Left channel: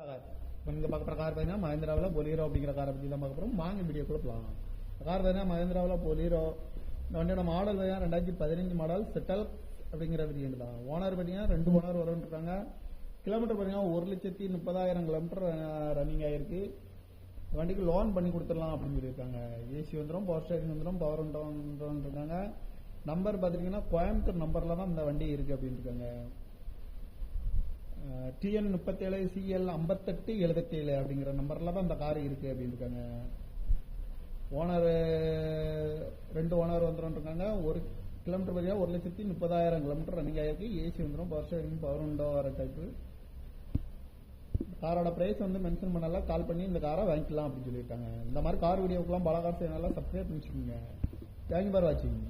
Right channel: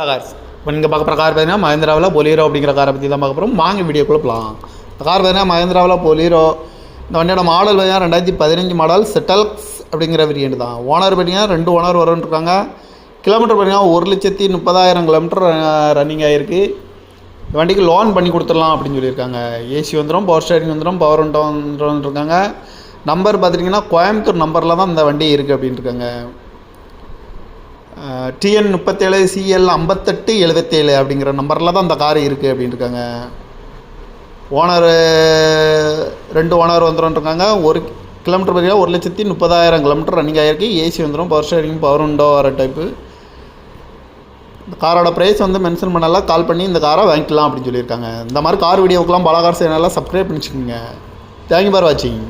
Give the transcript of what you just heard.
Cars இப்போ நீங்கள் பார்க்குற கார் பார்த்தீங்கன்னா மஹேந்திராவில் பொலீரோ அப்படிங்கிற காரை பற்றி தான் பார்க்க போகிறோம். வாங்க வீடியோக்குள்ளே போகலாம். இந்த கார் பார்த்தீங்கன்னா மஹேந்திராவில் பொலீரோ. இந்த வண்டியோட மாடல் பார்த்தீங்கன்னா 2015 மாடல் செட்டல்ஸ் அப்படிங்கிற வேரியண்ட் தான். ஓனர் பார்த்தீங்கன்னா 2 ஓனர் வரும்ன்ருக்காங்க. கிலோமீட்டர் பார்த்தீங்கன்னா 1,30,000 கிலோமீட்டர் ரன்னிங் ஆகிருக்கு. இந்த வண்டிக்கு லோன் பண்ணி கொடுத்துடலாம் அப்படின்னு சொல்லியிருக்காங்க. ஏசி வந்துடும், பவர் ஸ்டேரிங் வந்துடும், பவர் விண்டோ வந்துருக்காங்க. நம்பர் பார்த்துட்டிங்கன்னா கோயம்புத்தூர் நம்பரில் தான் இந்த வண்டி இருக்குது அப்படின்னு இருக்காங்க. TN 37 CL 5877 அப்படிங்கிற நம்பரில் தான் இந்த கார் இருக்குது அப்படின்னு இருக்காங்க. Owner 2 owner வந்துடும்ன்ருக்காங்க. 1 கிலோமீட்டர் பார்த்தீங்கன்னா 1,30,000 கிலோமீட்டர் ரன்னிங் ஆகிருக்கு. ஏசி வந்துடும், பவர் ஸ்டேரிங், பவர் விண்டோ வர டைப்பு. இந்த காரோட ப்ரைஸ் வந்து மென்ஷன் பண்ணலாம். கால் பண்ணி இந்த காரை வாங்கிக்கலாம் அப்படின்னு சொல்லியிருக்காங்க. இந்த மாதிரி கார் வீடியோக்கெலாம் பல கார் சேனலில் சப்ஸ்கிரைப் பண்ணிச்சுக்கோங்க. தேங்க்யூ ஃபார் வாட்சிங்.